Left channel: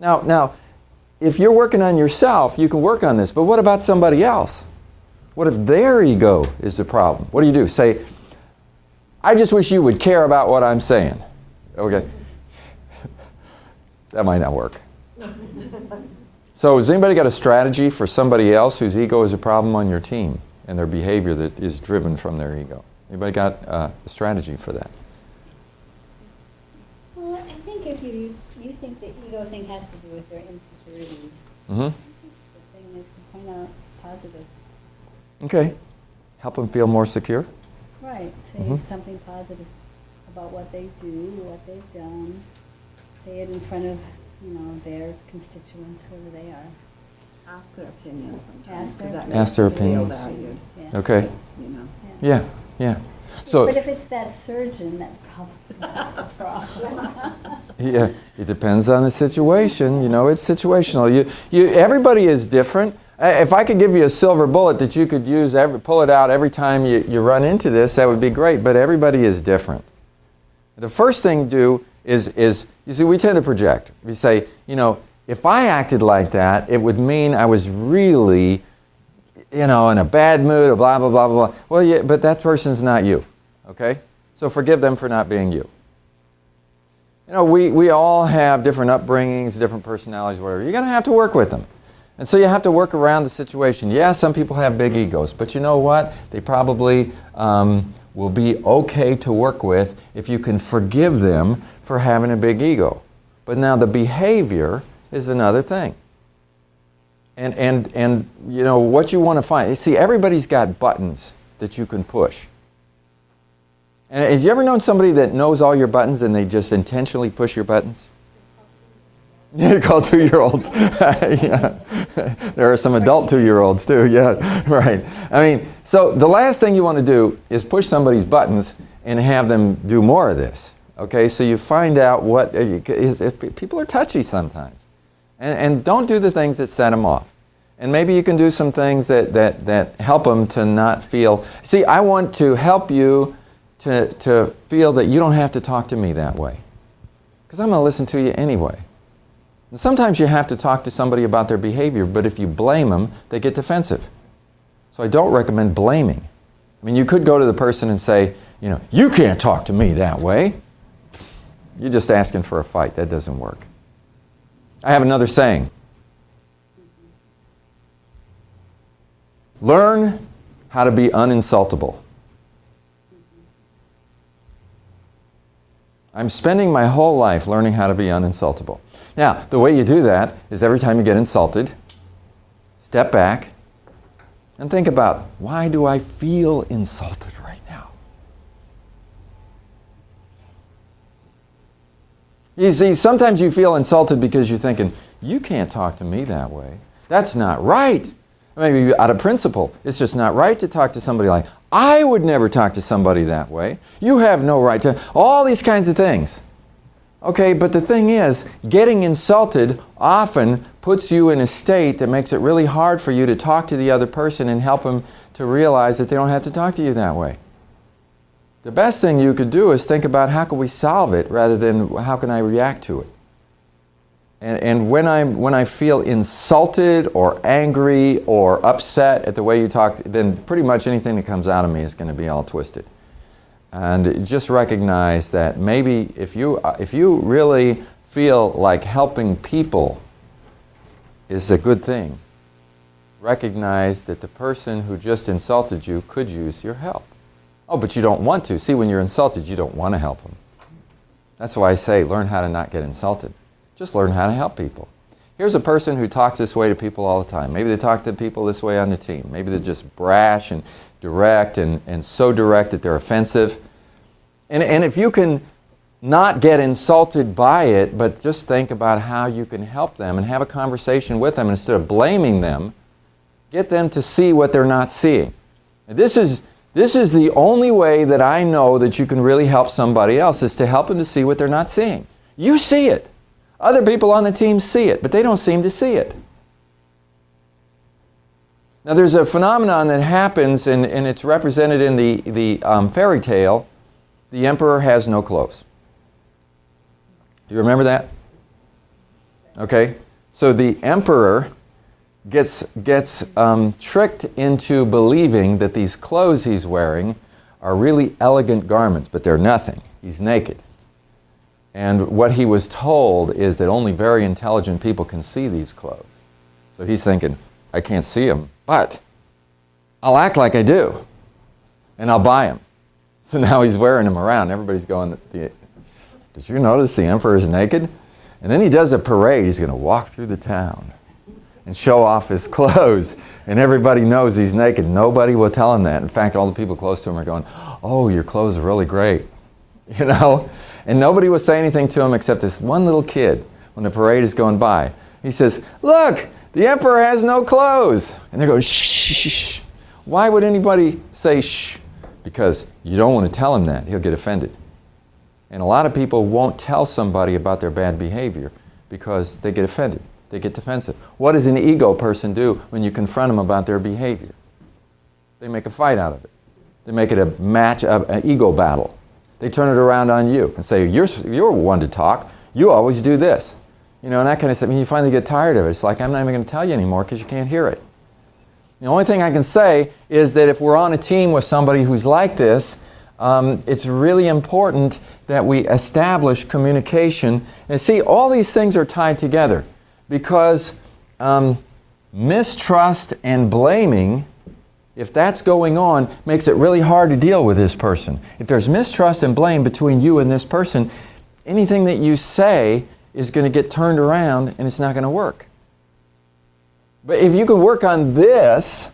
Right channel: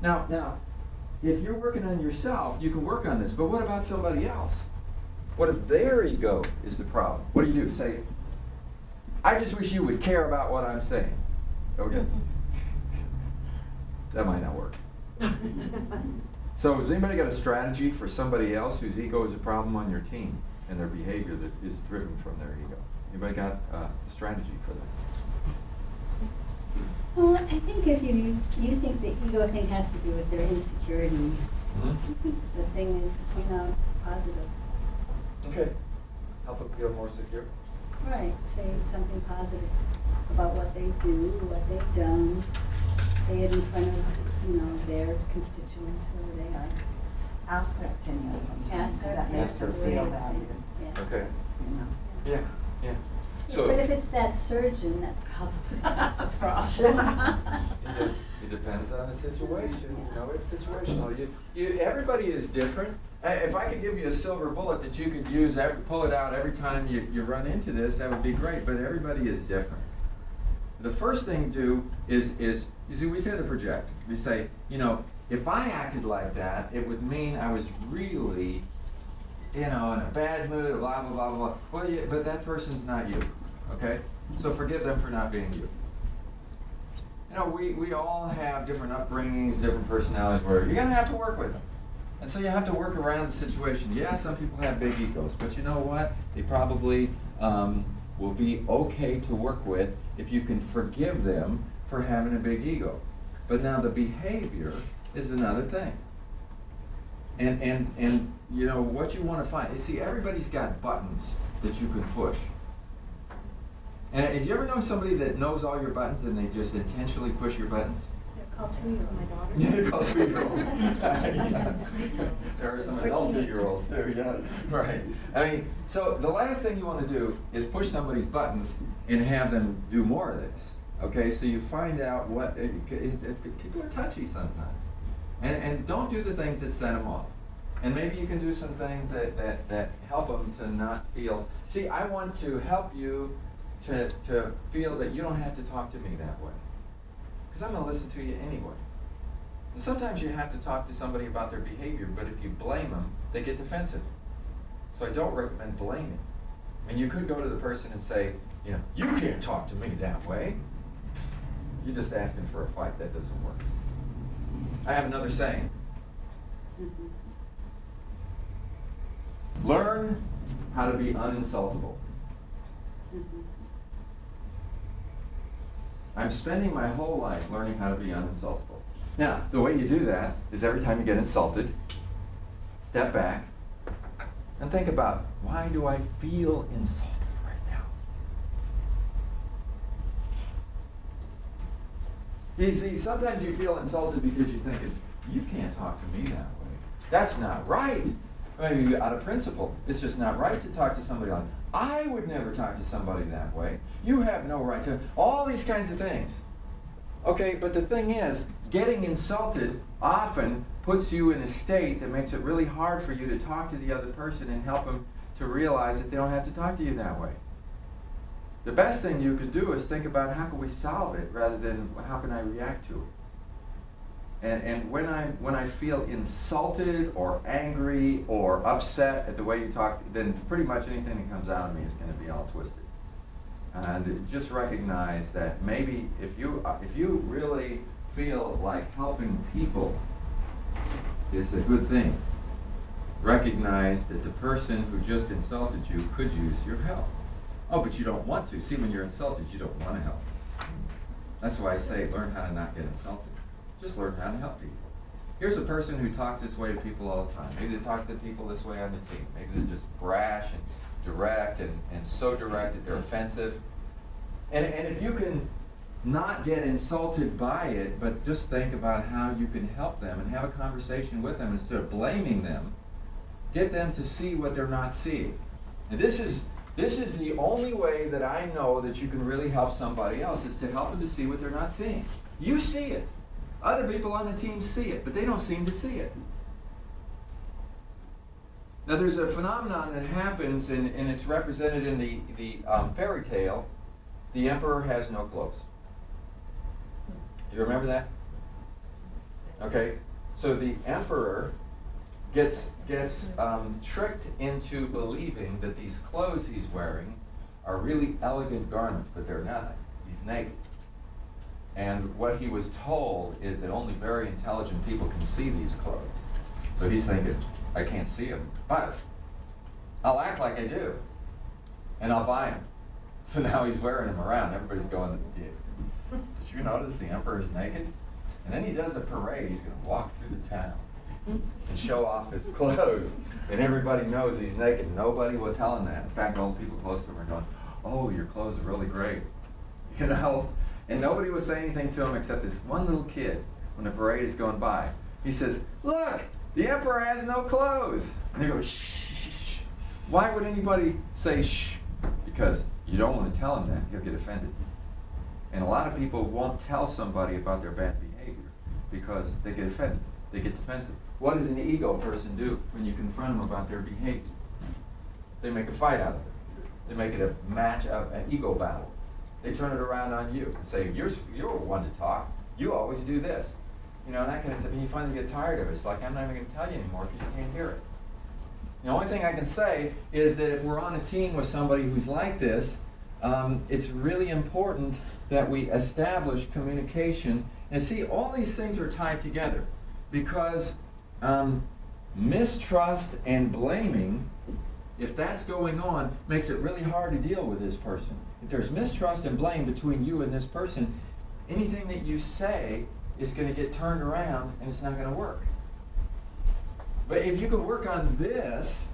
Now, if you're working on yourself, you can work on this, but what about somebody else? What if their ego is the problem? What do? Say, I just wish you would care about what I'm saying. Okay. That might not work. So has anybody got a strategy for somebody else whose ego is a problem on your team and their behavior that is driven from their ego? Anybody got a strategy for that? Well, I think if you think the ego thing has to do with their insecurity, Mm-hmm. the thing is to point out positive. Okay. Help them feel more secure? Right. Say Mhm. something positive about what they do, what they've done. Say it in front of, their constituents, who they are. Ask their opinion sometimes. Ask their- 'cause that Ask makes their them feel opinions. valued, Yeah. Okay. you know. Yeah, yeah. So, But if it's that surgeon, that's probably not the problem. yeah, it depends on the situation. It's situational. Everybody is different. If I could give you a silver bullet that you could use, pull it out every time you run into this, that would be great. But everybody is different. The first thing to do is you see, we tend to project. We say, if I acted like that, it would mean I was really, in a bad mood, or blah, blah, blah, blah. Well, yeah, but that person's not you, okay? So forgive them for not being you. We all have different upbringings, different personalities, whatever. You're going to have to work with them. And so you have to work around the situation. Yeah, some people have big egos, but you know what? They probably will be okay to work with if you can forgive them for having a big ego. But now the behavior is another thing. And what you want to find, see, everybody's got buttons that you can push. And have you ever known somebody that knows all your buttons and they just intentionally push your buttons? Yeah, call 2-year-olds. Yeah. There are some adult 2-year-olds too, yeah, right. So the last thing you want to do is push somebody's buttons and have them do more of this. Okay, so you find out if people are touchy sometimes. And don't do the things that set them off. And maybe you can do some things that help them to not feel. See, I want to help you to feel that you don't have to talk to me that way. Because I'm going to listen to you anyway. And sometimes you have to talk to somebody about their behavior, but if you blame them, they get defensive. So I don't recommend blaming. You could go to the person and say, you can't talk to me that way. You're just asking for a fight. That doesn't work. I have another saying. Learn how to be uninsultable. I'm spending my whole life learning how to be uninsultable. Now, the way you do that is every time you get insulted, step back and think about, why do I feel insulted right now? You see, sometimes you feel insulted because you're thinking, you can't talk to me that way. That's not right. Maybe out of principle, it's just not right to talk to somebody like, I would never talk to somebody that way. You have no right to, all these kinds of things. Okay, but the thing is, getting insulted often puts you in a state that makes it really hard for you to talk to the other person and help them to realize that they don't have to talk to you that way. The best thing you could do is think about how can we solve it rather than how can I react to it. And when I feel insulted or angry or upset at the way you talk, then pretty much anything that comes out of me is going to be all twisted. And just recognize that maybe if you really feel like helping people is a good thing, recognize that the person who just insulted you could use your help. Oh, but you don't want to. See, when you're insulted, you don't want to help them. That's why I say learn how to not get insulted. Just learn how to help people. Here's a person who talks this way to people all the time. Maybe they talk to people this way on the team. Maybe they're just brash and direct and so direct that they're offensive. And if you can not get insulted by it, but just think about how you can help them and have a conversation with them instead of blaming them, get them to see what they're not seeing. And this is the only way that I know that you can really help somebody else, is to help them to see what they're not seeing. You see it. Other people on the team see it, but they don't seem to see it. Now there's a phenomenon that happens, and it's represented in the fairy tale, The Emperor Has No Clothes. Do you remember that? Okay? So the emperor gets tricked into believing that these clothes he's wearing are really elegant garments, but they're nothing. He's naked. And what he was told is that only very intelligent people can see these clothes. So he's thinking, I can't see them, but I'll act like I do, and I'll buy them. So now he's wearing them around. Everybody's going, did you notice the emperor is naked? And then he does a parade. He's going to walk through the town and show off his clothes. And everybody knows he's naked. Nobody will tell him that. In fact, all the people close to him are going, oh, your clothes are really great. You know? And nobody will say anything to him except this one little kid when the parade is going by. He says, look, the emperor has no clothes. And they go, shh, shh, shh, shh. Why would anybody say shh? Because you don't want to tell him that. He'll get offended. And a lot of people won't tell somebody about their bad behavior because they get offended. They get defensive. What does an ego person do when you confront them about their behavior? They make a fight out of it. They make it a match, an ego battle. They turn it around on you and say, you're one to talk. You always do this. You know, and that kind of stuff. And you finally get tired of it. It's like, I'm not even going to tell you anymore because you can't hear it. The only thing I can say is that if we're on a team with somebody who's like this, it's really important that we establish communication. And see, all these things are tied together because mistrust and blaming, if that's going on, makes it really hard to deal with this person. If there's mistrust and blame between you and this person, anything that you say is going to get turned around and it's not going to work. But if you can work on this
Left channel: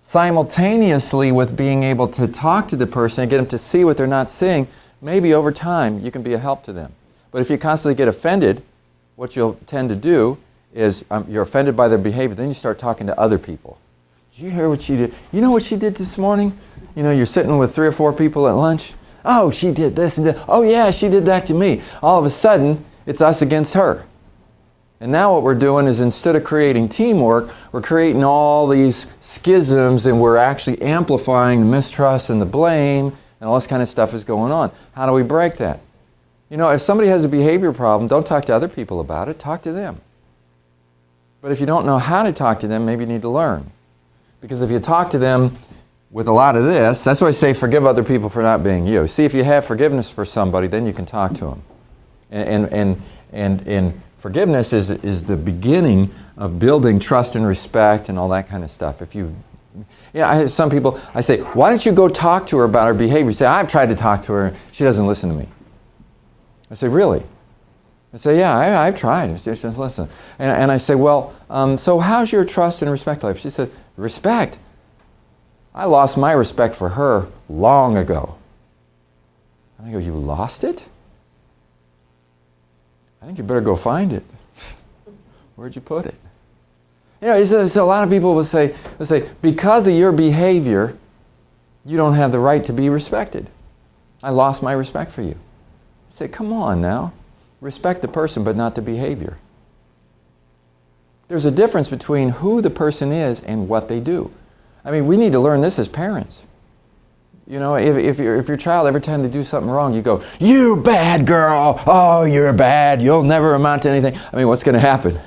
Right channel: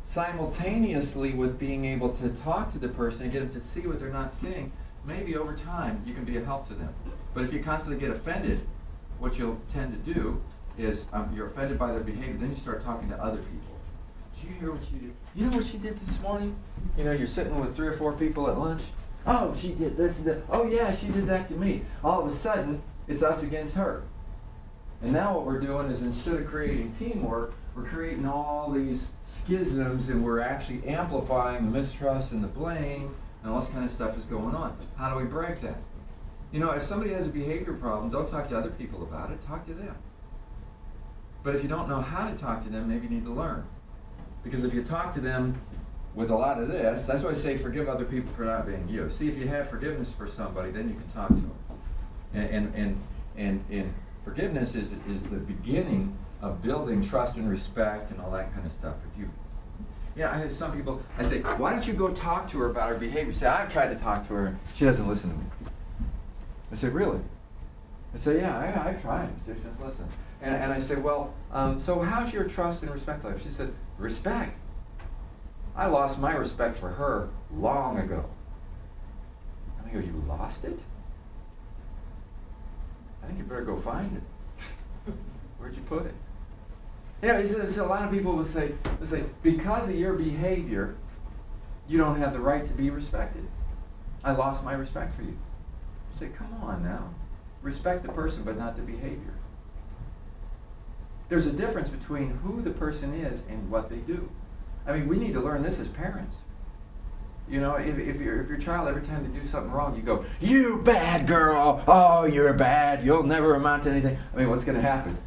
simultaneously with being able to talk to the person and get them to see what they're not seeing, maybe over time you can be a help to them. But if you constantly get offended, what you'll tend to do is you're offended by their behavior, then you start talking to other people. Did you hear what she did? You know what she did this morning? You know, you're sitting with 3 or 4 people at lunch. Oh, she did this and that. Oh yeah, she did that to me. All of a sudden, it's us against her. And now what we're doing is instead of creating teamwork, we're creating all these schisms and we're actually amplifying the mistrust and the blame and all this kind of stuff is going on. How do we break that? You know, if somebody has a behavior problem, don't talk to other people about it, talk to them. But if you don't know how to talk to them, maybe you need to learn. Because if you talk to them with a lot of this, that's why I say forgive other people for not being you. See, if you have forgiveness for somebody, then you can talk to them. And forgiveness is the beginning of building trust and respect and all that kind of stuff. I have some people, I say, why don't you go talk to her about her behavior? You say, I've tried to talk to her, she doesn't listen to me. I say, really? I say, yeah, I've tried, she doesn't listen. And I say, well, so how's your trust and respect life? She said, respect? I lost my respect for her long ago. I go, you lost it? I think you better go find it. Where'd you put it? You know, so a lot of people will say, because of your behavior, you don't have the right to be respected. I lost my respect for you. I say, come on now. Respect the person, but not the behavior. There's a difference between who the person is and what they do. I mean, we need to learn this as parents. You know, if your child, every time they do something wrong, you go, you bad girl, oh, you're bad, you'll never amount to anything. I mean, what's going to happen?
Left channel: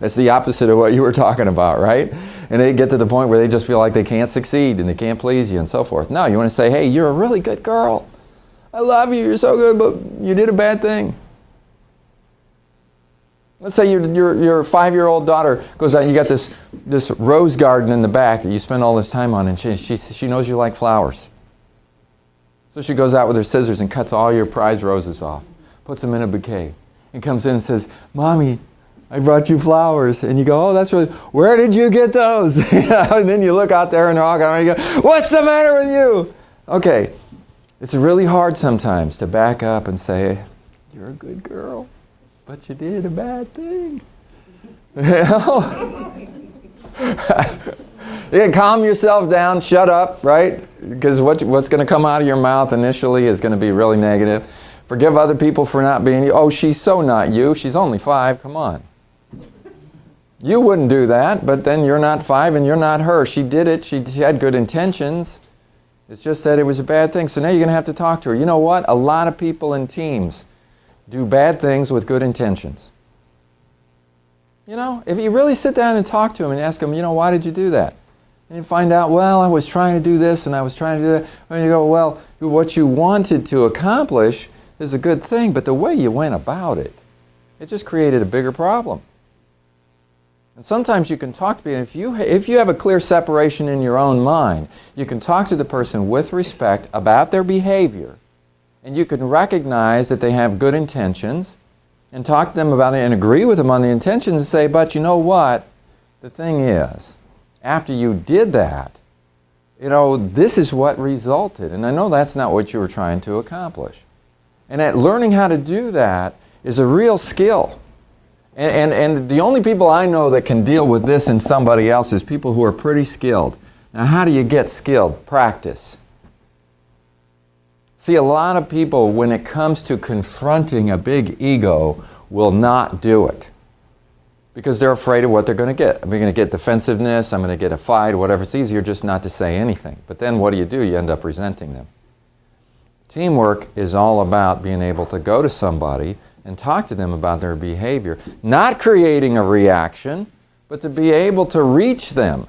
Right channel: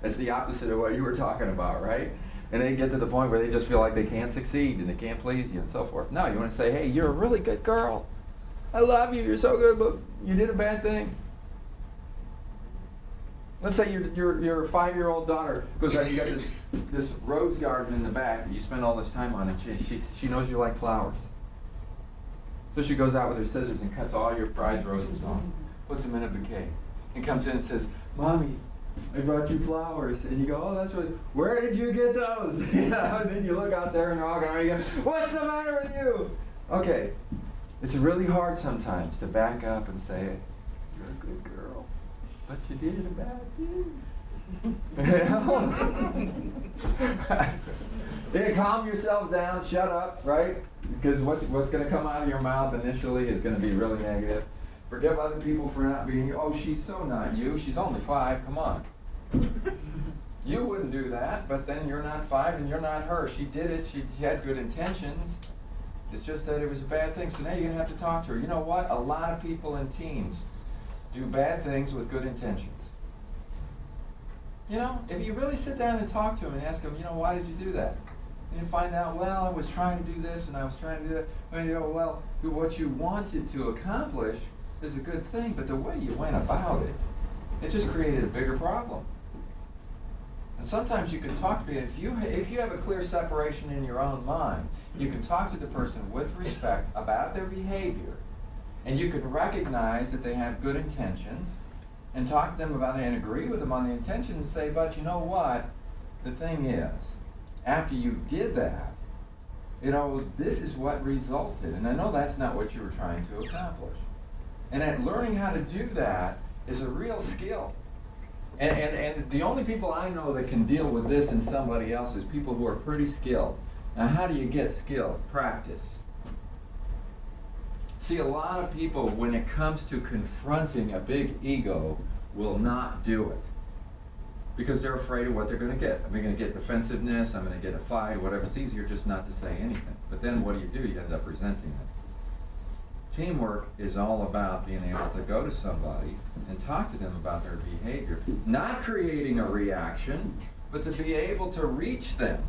That's the opposite of what you were talking about, right? And they get to the point where they just feel like they can't succeed and they can't please you and so forth. No, you want to say, hey, you're a really good girl. I love you, you're so good, but you did a bad thing. Let's say your 5-year-old daughter goes out and you got this rose garden in the back that you spend all this time on, and she knows you like flowers. So she goes out with her scissors and cuts all your prize roses off, puts them in a bouquet, and comes in and says, Mommy, I brought you flowers. And you go, oh, that's really, where did you get those? And then you look out there and they're all going, and you go, what's the matter with you? Okay, it's really hard sometimes to back up and say, you're a good girl, but you did a bad thing. You know? You can calm yourself down, shut up, right? Because what's going to come out of your mouth initially is going to be really negative. Forgive other people for not being you. Oh, she's so not you. She's only 5. Come on. You wouldn't do that, but then you're not 5 and you're not her. She did it. She had good intentions. It's just that it was a bad thing. So now you're going to have to talk to her. You know what? A lot of people in teams do bad things with good intentions. You know, if you really sit down and talk to them and ask them, you know, why did you do that? And you find out, well, I was trying to do this and I was trying to do that. And you go, well, what you wanted to accomplish is a good thing, but the way you went about it, it just created a bigger problem. And sometimes you can talk to people, if you have a clear separation in your own mind, you can talk to the person with respect about their behavior, and you can recognize that they have good intentions, and talk to them about it and agree with them on the intentions and say, but you know what? The thing is, after you did that, you know, this is what resulted. And I know that's not what you were trying to accomplish. And that learning how to do that is a real skill. And the only people I know that can deal with this in somebody else is people who are pretty skilled. Now, how do you get skilled? Practice. See, a lot of people, when it comes to confronting a big ego, will not do it because they're afraid of what they're going to get. I'm going to get defensiveness, I'm going to get a fight, whatever. It's easier just not to say anything. But then what do? You end up resenting them. Teamwork is all about being able to go to somebody and talk to them about their behavior, not creating a reaction, but to be able to reach them